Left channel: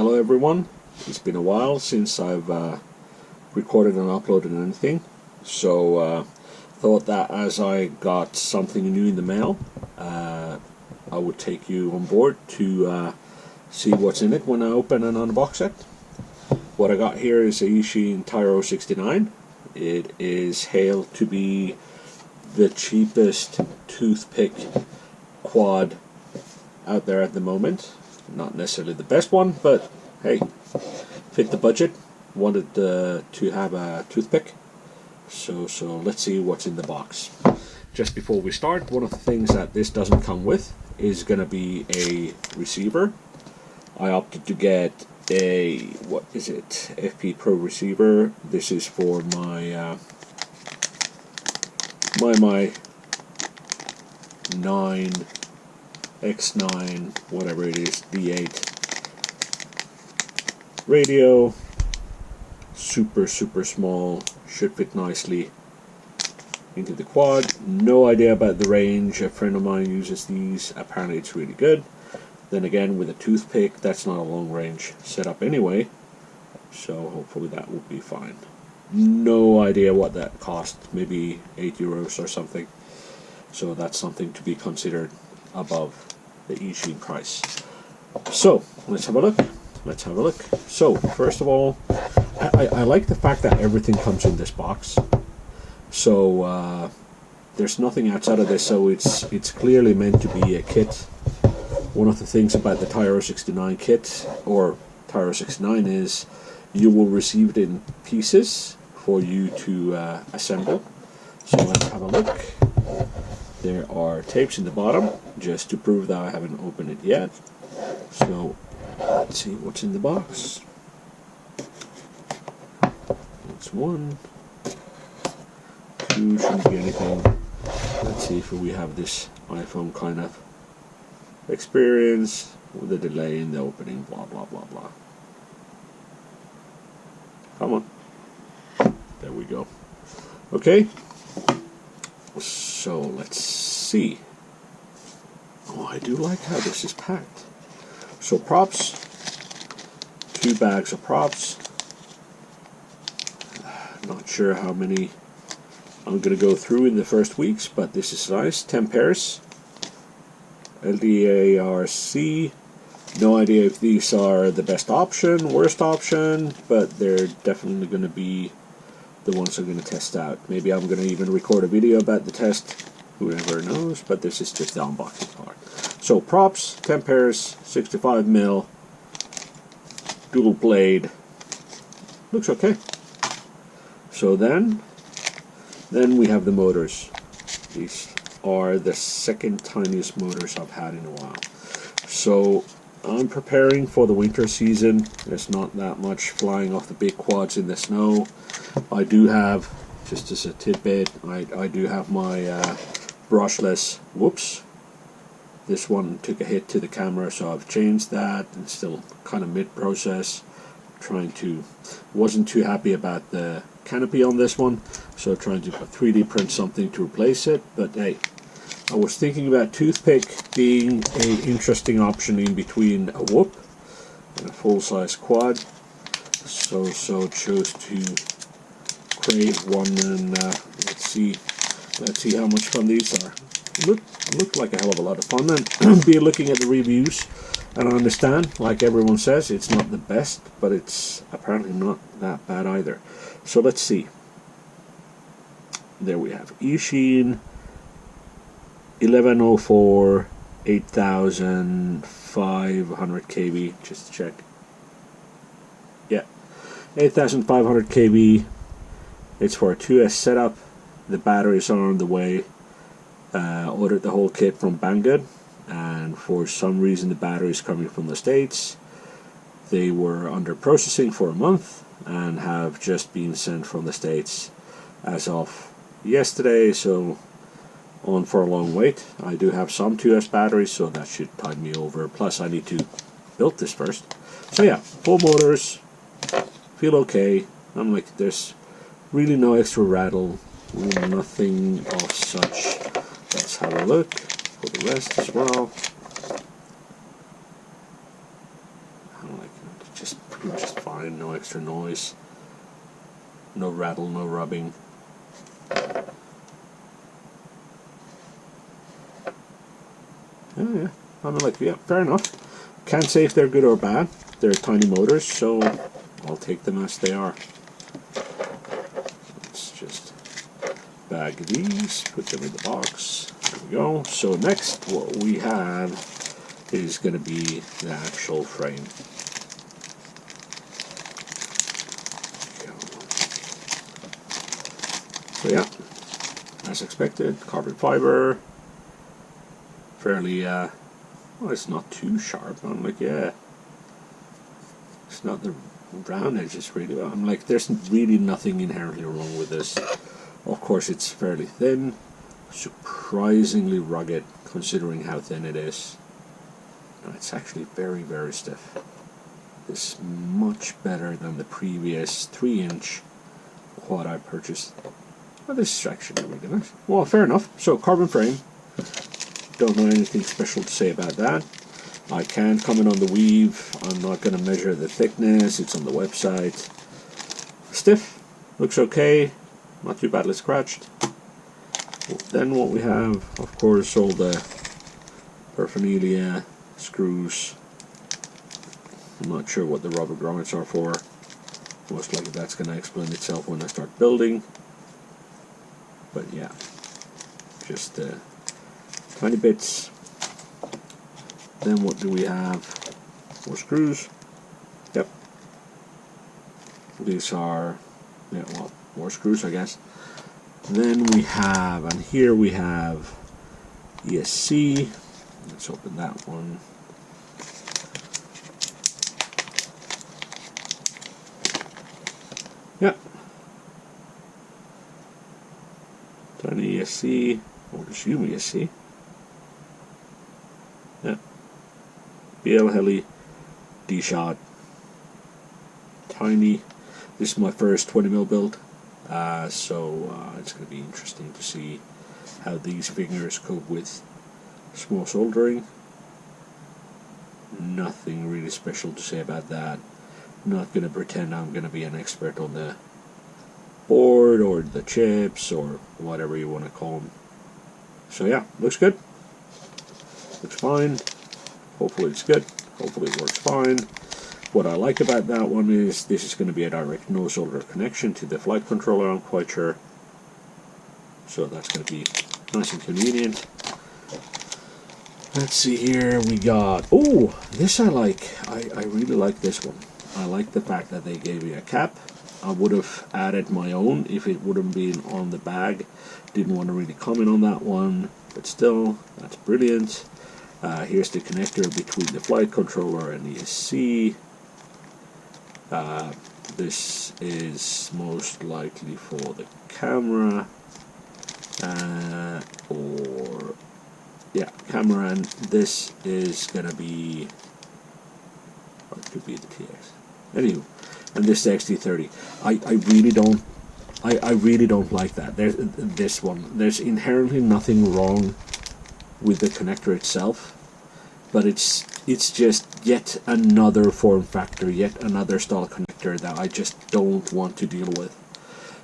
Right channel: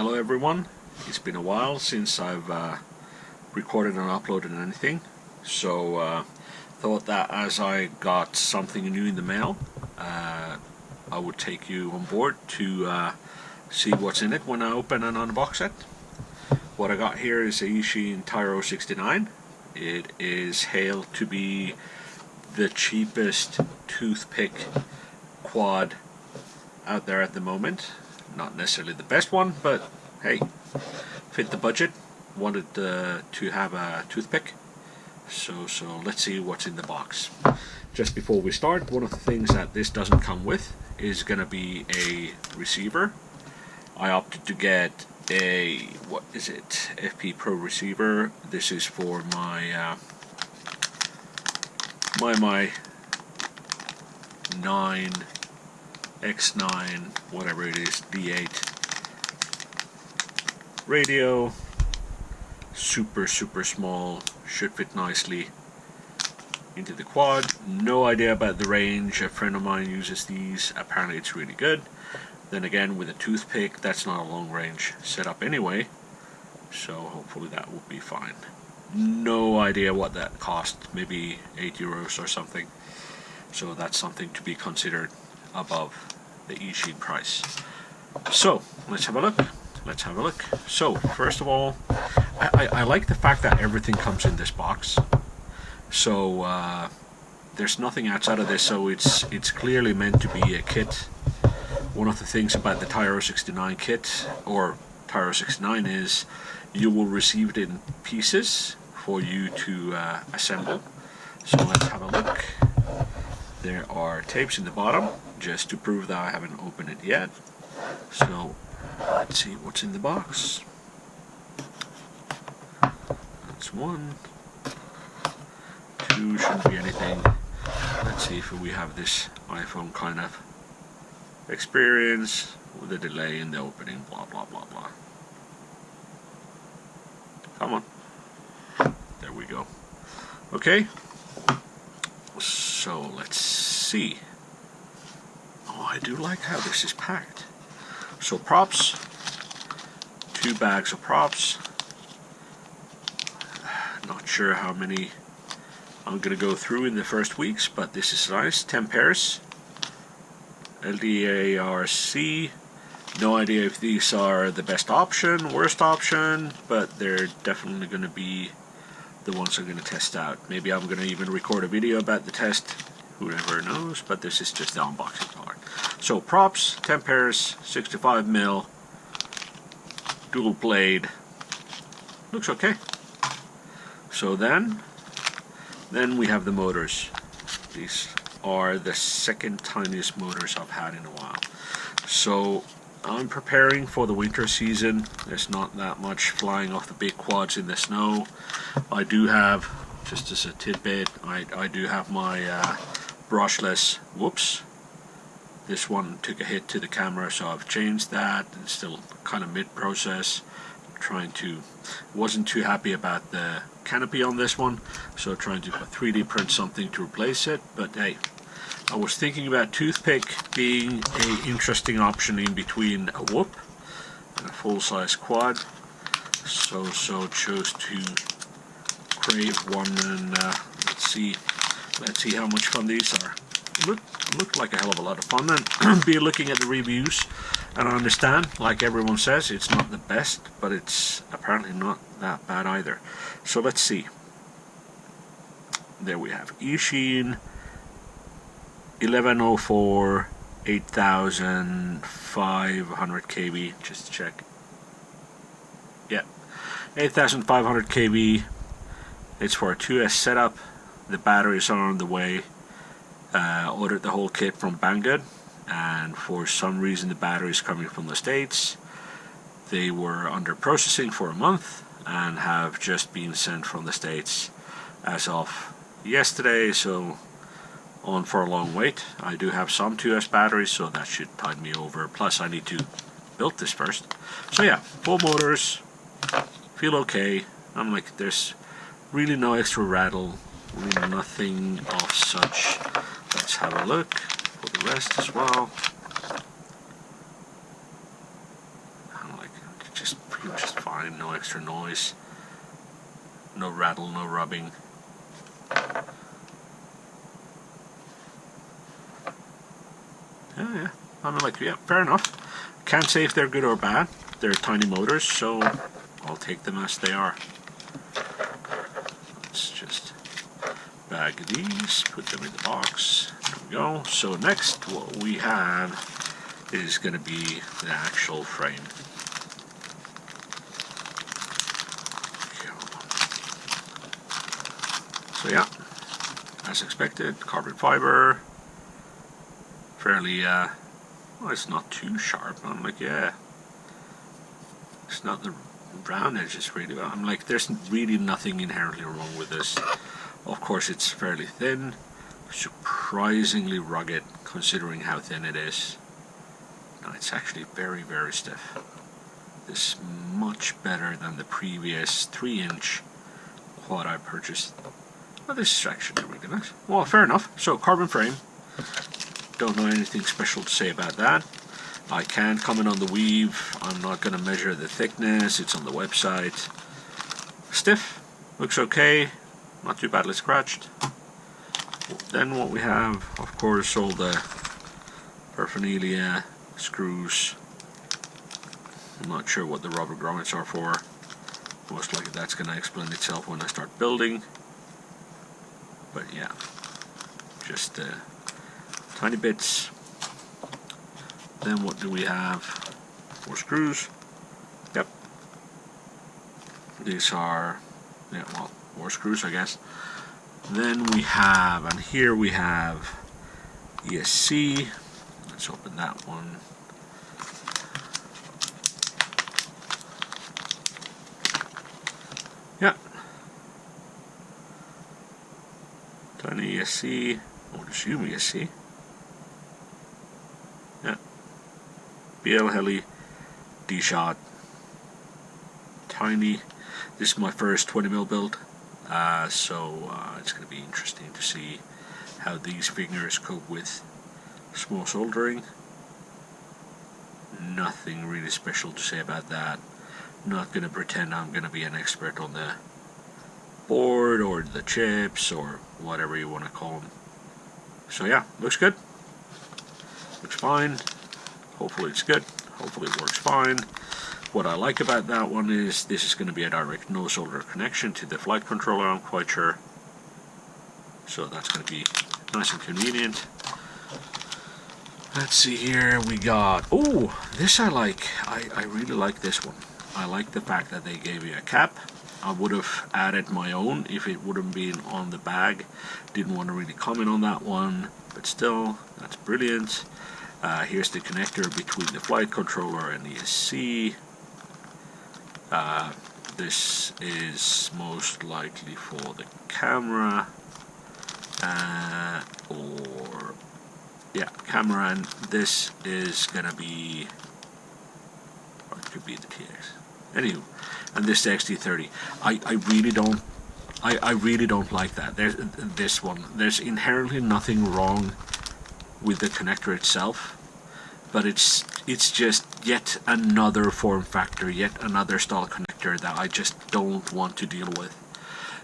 Hello everyone, it's been a while since I've recorded and uploaded anything, so thought that as I got something new in the mail, I would take you on board to see what's in it when I open and unbox it. What I got here is a Eachine Tyro69. It is hailed to be the cheapest toothpick quad out there at the moment. Not necessarily the best one, but hey, fit the budget. Wanted to have a toothpick, so let's see what's in the box. Just before we start, one of the things that this doesn't come with is gonna be a receiver. I opted to get a, what is it, FP Pro receiver. This is for my my 9X9, whatever it is, D8 radio. Super small, should fit nicely into the quad. No idea about the range. A friend of mine uses these, apparently it's really good. Then again, with a toothpick, that's not a long range setup anyway, so hopefully that will be fine. No idea what that cost, maybe €8 or something, so that's something to be considered above the Eachine price. So let's have a look. So first of all, I like the fact that everything comes in this box, so there's nothing outside of this, so it's clearly meant to be a kit. One of the things about the Tyro69 kit, or Tyro69, is you will receive it in pieces for you to assemble. So let's have a look. There are tapes in the bottom, just to prove that I haven't opened it yet. So let's see what's in the box. That's one. Two, shouldn't be anything. Let's see if we have this iPhone kind of experience with a delay in the opening, blah blah blah blah. Come on. There we go. Okay. So let's see. Oh, I do like how this is packed. So props, 2 bags of props. Not sure how many I'm going to go through in the first weeks, but this is nice. 10 pairs. LDARC. No idea if these are the best option, worst option, but they're definitely going to be the ones I'm going to test out. Maybe I'm going to even record a video about the test. Who never knows, but this is just the unboxing part. So props, 10 pairs, 65mm, dual blade. Looks okay. So then we have the motors. These are the second tiniest motors I've had in a while. So I'm preparing for the winter season. There's not that much flying off the big quads in the snow. I do have, just as a tidbit, I do have my brushless, whoops, this one took a hit to the camera, so I've changed that, and still kind of mid-process, wasn't too happy about the canopy on this one, so trying to 3D print something to replace it. But hey, I was thinking about toothpick being an interesting option in between a whoop and a full-size quad, so chose to create one, and let's see how much fun these are. Look like a hell of a lot of fun, and be looking at the reviews, and I understand, like everyone says, it's not the best, but it's apparently not that bad either. So let's see. There we have Eachine 1104 8500 kV, just to check. Yeah, 8500 kV. It's for a 2S setup. The batteries are on the way. Ordered the whole kit from Banggood, and for some reason the battery is coming from the States. They were under processing for a month and have just been sent from the States as of yesterday, so on for a long wait. I do have some 2S batteries, so that should tide me over. Plus I need to build this first. So yeah, full motors, feel okay. I'm like, there's really no extra rattle, really nothing of such. Let's have a look for the rest as well. just pretty much just fine. No extra noise, no rattle, no rubbing. Yeah, I mean, like, yeah, fair enough. Can't say if they're good or bad. They're tiny motors, so I'll take them as they are. Let's just bag these, put them in the box. There we go. So next, what we have is going to be the actual frame. So yeah, as expected, carbon fiber. Fairly, well, it's not too sharp. I'm like, yeah, it's not the round edges really. I'm like, there's really nothing inherently wrong with this. Of course, it's fairly thin, surprisingly rugged considering how thin it is. No, it's actually very, very stiff. This is much better than the previous 3-inch quad I purchased. Well, this is actually really nice. Well, fair enough. So, carbon frame. Don't know anything special to say about that. I can't comment on the weave. I'm not going to measure the thickness. It's on the website. Stiff. Looks okay. Not too badly scratched. Then what we have, of course, all the paraphernalia, screws. I'm not sure what the rubber grommets are for. Most likely that's going to explain itself when I start building. But yeah, just tiny bits. Then what do we have? More screws. Yep. These are, yeah, well, more screws, I guess. Then we have, and here we have ESC. Let's open that one. Yeah. Tiny ESC, or assume ESC. Yeah. BL Heli, D-Shot. Tiny. This is my first 20mm build. So it's going to be interesting to see how these fingers cope with small soldering. Nothing really special to say about that. Not going to pretend I'm going to be an expert on the board or the chips or whatever you want to call them. So yeah, looks good. Looks fine. Hopefully it's good. Hopefully it works fine. What I like about that one is this is going to be a direct no solder connection to the flight controller, I'm quite sure. So that's going to be nice and convenient. Let's see here, we got, oh, this I like. I really like this one. I like the fact that they gave you a cap. I would have added my own if it wouldn't been on the bag. Didn't want to really comment on that one, but still, that's brilliant. Here's the connector between the flight controller and the ESC. This is most likely for the camera, or yeah, camera, and this is gonna be, or it could be the TX. Anywho, and this is the XT30. I really don't like that. There's this one. There's inherently nothing wrong with the connector itself, but it's just yet another form factor, yet another style connector that I just don't want to deal with.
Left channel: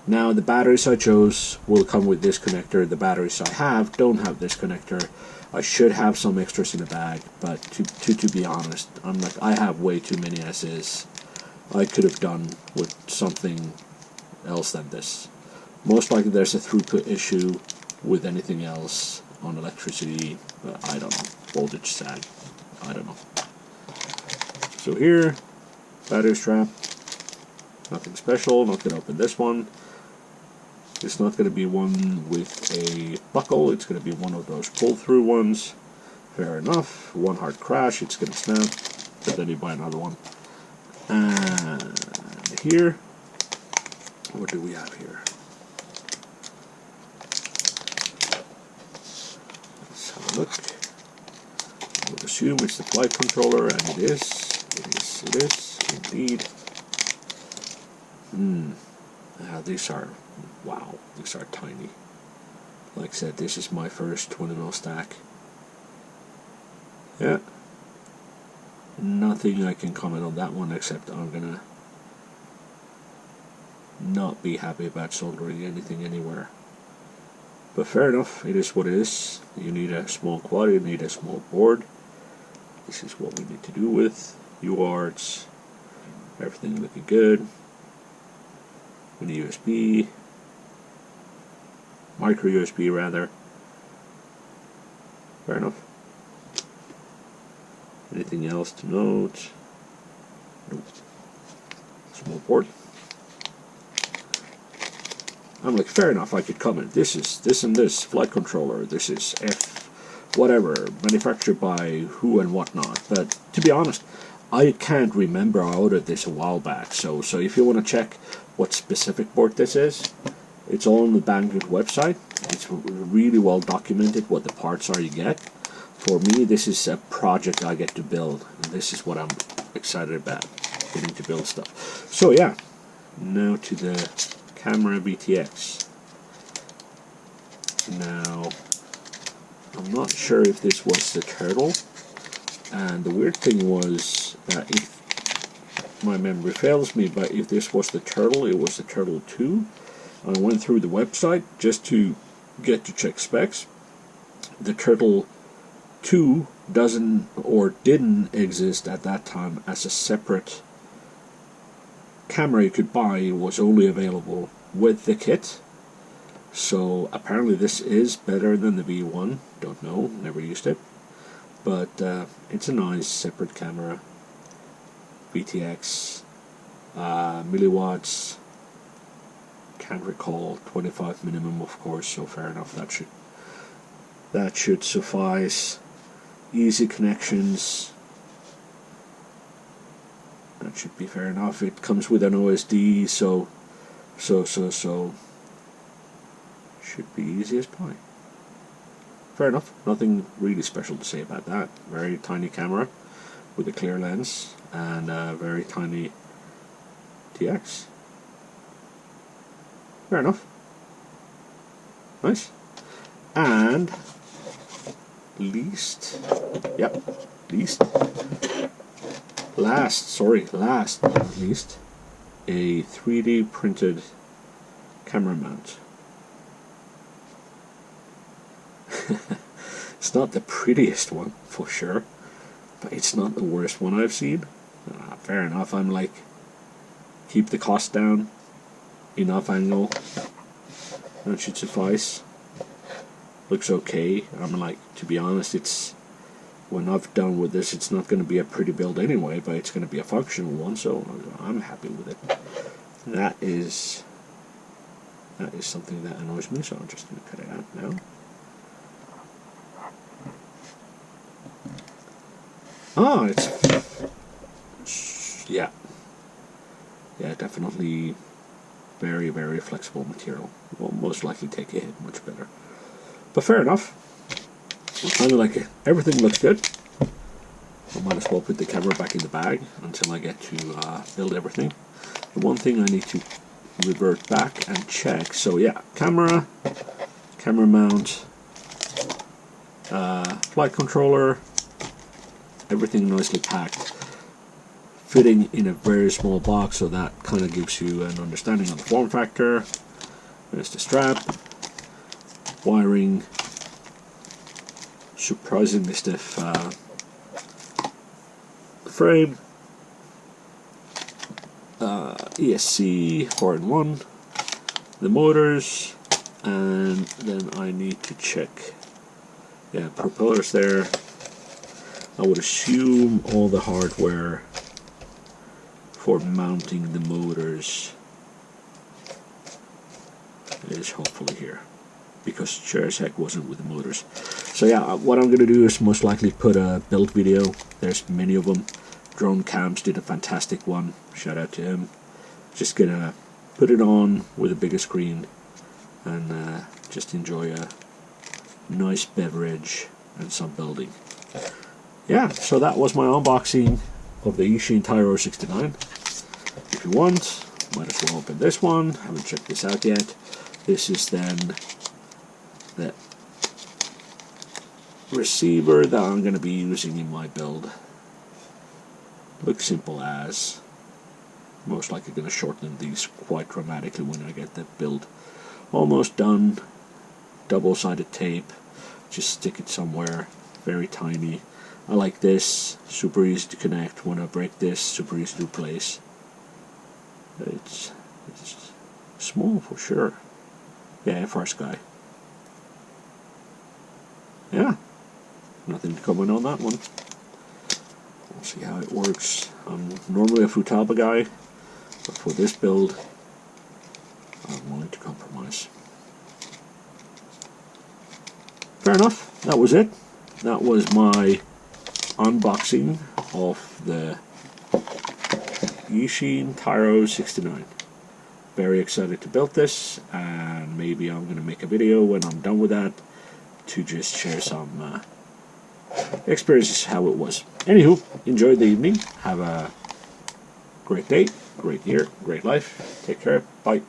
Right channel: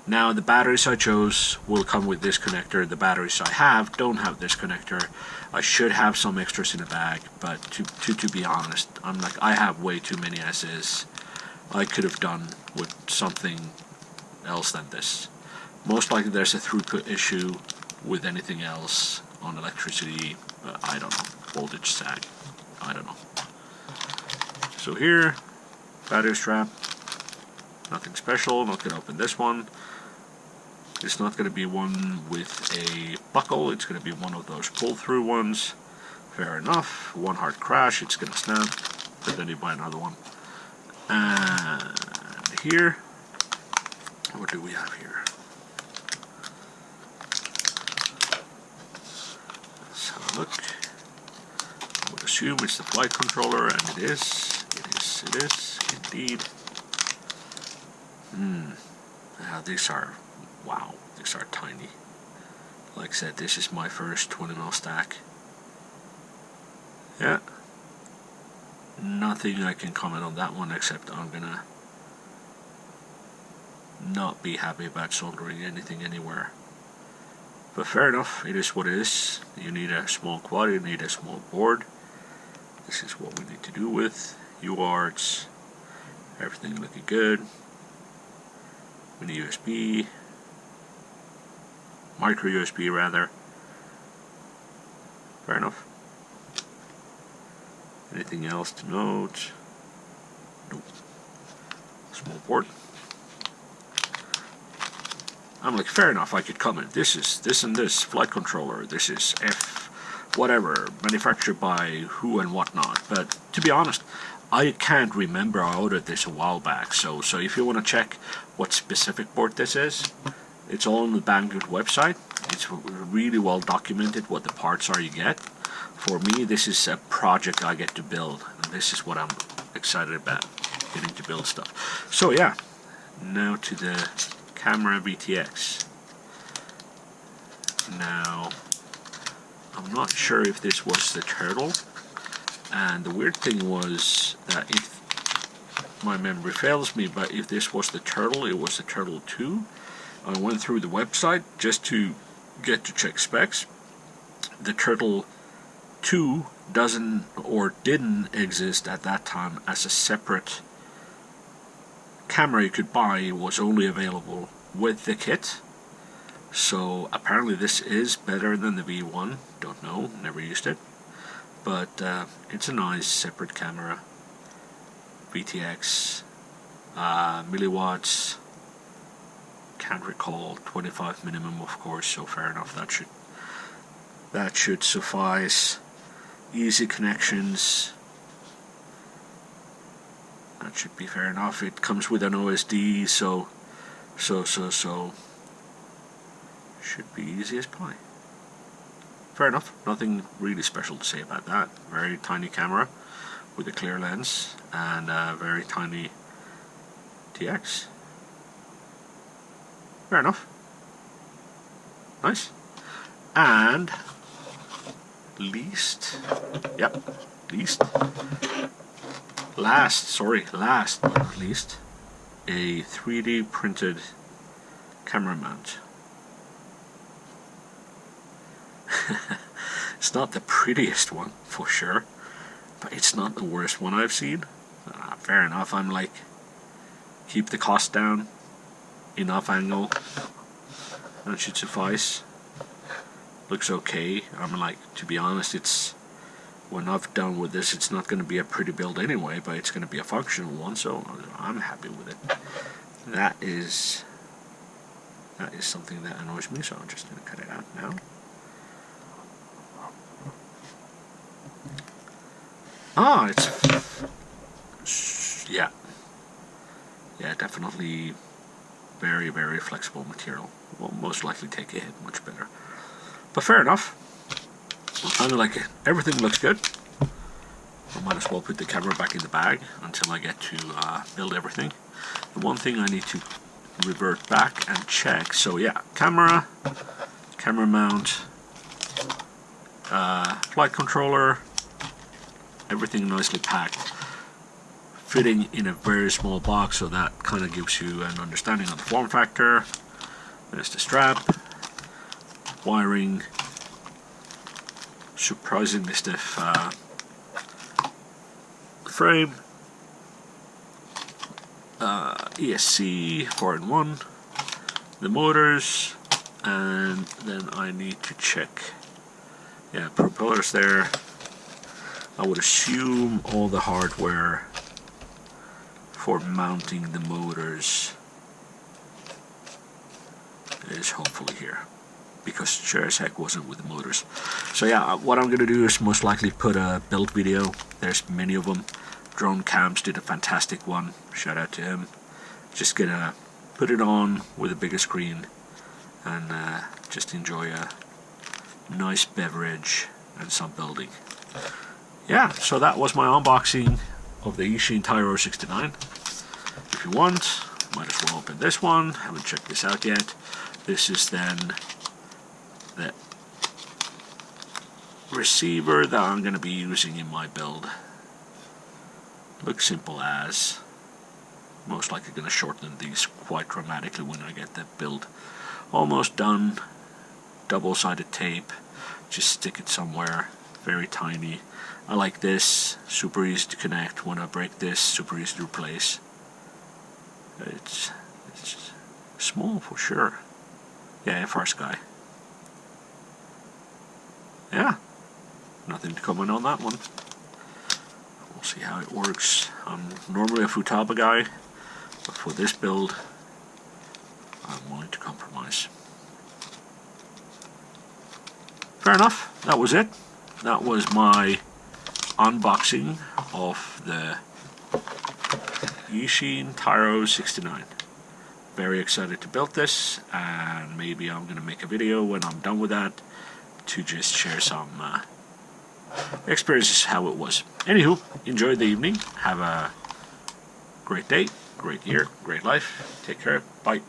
Now the batteries I chose will come with this connector. The batteries I have don't have this connector. I should have some extras in the bag, but to be honest, I'm like, I have way too many as is. I could have done with something else than this. Most likely there's a throughput issue with anything else on electricity, I don't know, voltage sag, I don't know. So here, battery strap, nothing special, not going to open this one. It's not going to be one with a buckle, it's going to be one of those pull-through ones. Fair enough, one hard crash, it's going to snap, but then you buy another one. And here, what do we have here? Let's have a look. I would assume it's the flight controller, and it is indeed. These are, wow, these are tiny. Like I said, this is my first 20mm stack. Yeah. nothing I can comment on that one, except I'm gonna not be happy about soldering anything anywhere. But fair enough, it is what it is. You need a small quad, you need a small board. This is what we need to do with UARTs. Everything looking good. Mini USB, micro USB rather. Fair enough. Anything else to note? Nope. Small board. I'm like, fair enough, I could comment. This is this and this flight controller. This is F whatever, manufactured by who and whatnot. But to be honest, I can't remember. I ordered this a while back. So if you want to check what specific board this is, it's all on the Banggood website. It's really well documented what the parts are you get. For me, this is a project I get to build, and this is what I'm excited about, getting to build stuff. So yeah, now to the camera VTX. Now, I'm not sure if this was the turtle, and the weird thing was that if my memory fails me, but if this was the turtle, it was the Turtle 2. I went through the website just to get to check specs. The Turtle 2 doesn't or didn't exist at that time as a separate camera you could buy. It was only available with the kit. So apparently this is better than the V1. Don't know, never used it. But it's a nice separate camera. VTX, milliwatts, can't recall, 25 minimum of course, so fair enough, that should suffice. Easy connections, that should be fair enough. It comes with an OSD, so should be easy as pie. Fair enough, nothing really special to say about that. Very tiny camera with a clear lens and a very tiny TX. Fair enough. Nice. And last but not least, a 3D printed camera mount. It's not the prettiest one, for sure, but it's not the worst one I've seen. Fair enough, I'm like, keep the cost down, enough angle, that should suffice. Looks okay. I'm like, to be honest, it's, when I've done with this, it's not going to be a pretty build anyway, but it's going to be a functional one, so I'm happy with it. That is something that annoys me, so I'm just going to cut it out now. Oh, yeah, definitely very, very flexible material. Will most likely take a hit much better. But fair enough. I kind of like it. Everything looks good. I might as well put the camera back in the bag until I get to build everything. The one thing I need to revert back and check. So yeah, camera mount, flight controller, everything nicely packed, fitting in a very small box, so that kind of gives you an understanding of the form factor. There's the strap, wiring, surprisingly stiff frame, ESC 4-in-1, the motors, and then I need to check, yeah, propellers there. I would assume all the hardware for mounting the motors is hopefully here, because sure as heck wasn't with the motors. So yeah, what I'm going to do is most likely put a build video. There's many of them. Drone Cams did a fantastic one. Shout out to him. Just gonna put it on with a bigger screen and just enjoy a nice beverage and some building. Yeah, so that was my unboxing of the Eachine Tyro69. If you want, might as well open this one. Haven't checked this out yet. This is then the receiver that I'm going to be using in my build. Looks simple as. Most likely going to shorten these quite dramatically when I get the build almost done. Double-sided tape, just stick it somewhere, very tiny. I like this, super easy to connect. When I break this, super easy to replace. It's small for sure. Yeah, first guy. Yeah, nothing to comment on that one. We'll see how it works. I'm normally a Futaba guy, but for this build, I'm willing to compromise. Fair enough, that was it. That was my unboxing of the Eachine Tyro69. Very excited to build this, and maybe I'm going to make a video when I'm done with that to just share some experiences how it was. Anywho, enjoy the evening. Have a great day, great year, great life. Take care. Bye.